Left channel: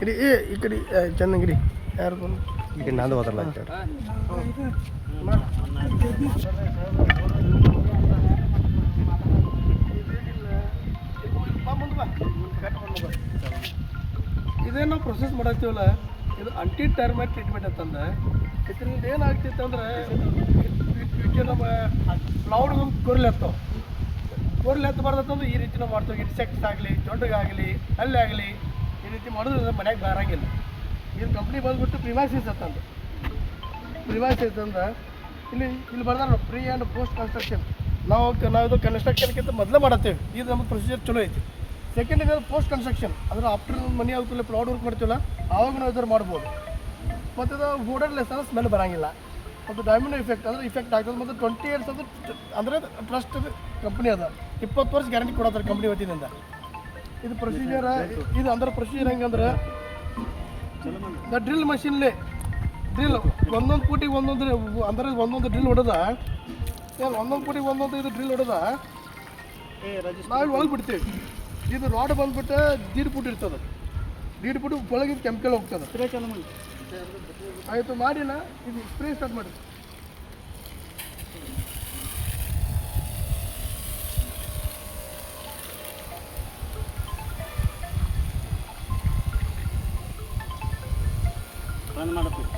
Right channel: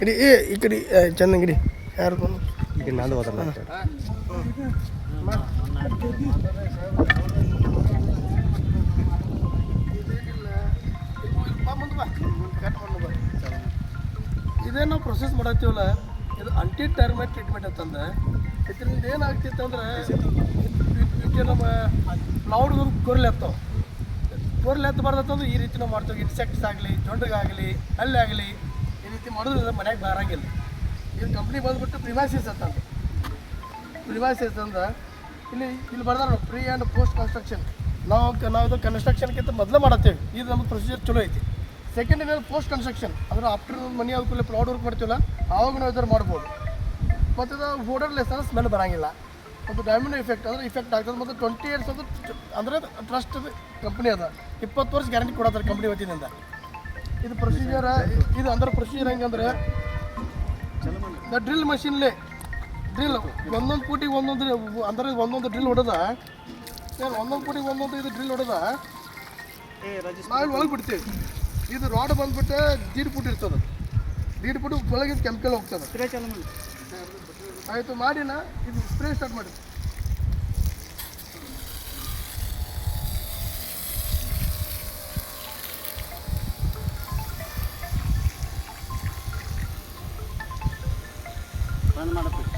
ಇಡಿ ಈ ಕಡೆ ಚಂದಂಗಿಡಿ ಯಾರು ಈಗ ನಂದು ಹೋದ್ರಲ್ಲ ಇದೇ ನಾವು ಪ್ರೊಸೆಸ್ ಮಾಡತ್ತೀವಲ್ಲ ಇದು ಆಂಟಿ ಟರ್ಮೈಟ್ ಟ್ರೀಟ್ಮೆಂಟ್ ಅಂತಂದ್ರೆ ಇದರಿಂದ ಏನಾಗ್ತಿತ್ತು ಅಂದ್ರೆ ನಮ್ಮ ಕ್ಲೌಡ್ ಕೊರ್ಲೆ ಹತ್ತವ ಕೋರ್ಲೆ ಹತ್ತಬಾರ್ದಂದ್ರೆ ಈ ರೀತಿ ನಾವು ಮಾಡ್ತೀವಿ. ಇನ್ಸೆಕ್ಟ್ಸ್ ಆಗಲಿ ಜೊಂಡಿಗಾಗಲಿ ಹಳ್ಳಿ ಆಗಲಿ ಈ ರೀತಿ ಮಾಡಿದ್ರೆ ಮನೆಯಾಗ ಬರಂಗಿಲ್ಲ. ಇದು ಕಂಪ್ನಿ ಬಂದುಬಿಟ್ಟು ಪ್ರಿಮೈಸಿಸ್ ಅಂತಂದು ಪ್ರಿಮೈಸಿಸ್ ಅಂದ್ರೆ ಇಲ್ಲಿ ಬರ್ದಾರ ಪ್ರೀ ಆ್ಯಂಡ್ ಪೋಸ್ಟ್ ಕನ್ಸ್ಟ್ರಕ್ಷನ್. ನಾವು ಇದು ಕನ್ಸ್ಟ್ರಕ್ಷನ್ಗಿಂತ ಮೊದಲೇ ಮಾಡತ್ತೇವೆ. ಇದು ನಮಗೆ ಪ್ರೊಸೀಜರ್ ಚಲೋ ಐತಿ. ಸೆಕೆಂಡ್ ಇದೆ ಪೋಸ್ಟ್ ಕನ್ಸ್ಟ್ರಕ್ಷನ್ ಅಂದ್ರೆ ಆಫ್ಟರ್ ಮನೆ ಅದಕ್ಕೂ ಪ್ಲಾಟ್ ವರ್ಕ್ ಮಾಡ್ತೀವಲ್ಲ ಆವಾಗ ನಾವು ಇದ್ರ ಮಾಡ್ಬೋದು. ಮತ್ತು ಇದು ಓಡರ್ಲೆಸ್ ಅಂದ್ರೆ ಸ್ಮೆಲ್ ಬರೋಂಗಿಲ್ಲ. ಮತ್ತು ಡೈಮಂಡ್ ಇಫೆಕ್ಟ್ ಅಂದ್ರೆ ಇಫೆಕ್ಟ್ ಆಗ್ತದೆ. ಮತ್ತು 20 years ಅದು ಅಂದರೆ ಟ್ರಸ್ಟ್ ಕಂಪ್ನಿ ಅದ 20 ವರ್ಷ ಗ್ಯಾರಂಟಿ ಕೊಡತ್ತಾರೆ ಕಂಪ್ನಿ ವತಿಯಿಂದ. ಇದು ಪ್ರೊಸೀಜರ್ ಇದು ಅಂದ್ರೆ ಪ್ರೊಸೀಜರ್ ಹೆಂಗಂದ್ರೆ ಡ್ರಿಲ್ ಮಷಿನ್ಲೇ ಡ್ರಿಲ್ ಒಂದೊಂದು ಫೂಟಿಗೆ ಒಂದೊಂದು ಅಂದ್ರೆ ಒಂದೊಂದು ಡ್ರಿಲ್ ಹೊಡೆದ ಒಂದೊಂದು ಫೂಟಿಗೆ ಒಂದೊಂದು ಇದು ಡ್ರಿಲ್ ಹೊಡೆದ ನಾವು ಒಳಗೆ ಬಿಡ್ತೀವಿ. ಇದು ರಾಡ್ ಬಂದ್ಬಿಟ್ಟು 1.5 ಫೂಟ್ ಇರ್ತದೆ. 1.5 ಫೂಟ್ ಒಳಗೆ ಇದು ಕೆಮಿಕಲ್ ಹೋಗ್ತದೆ. ಆಯಿತು ಮಾಡಿನ ಇದು ಸ್ಪ್ರೇ ಸ್ಟಾರ್ಟ್ ಮಾಡಿ. ಬಂದ್ ಮಾಡಬೇಕು.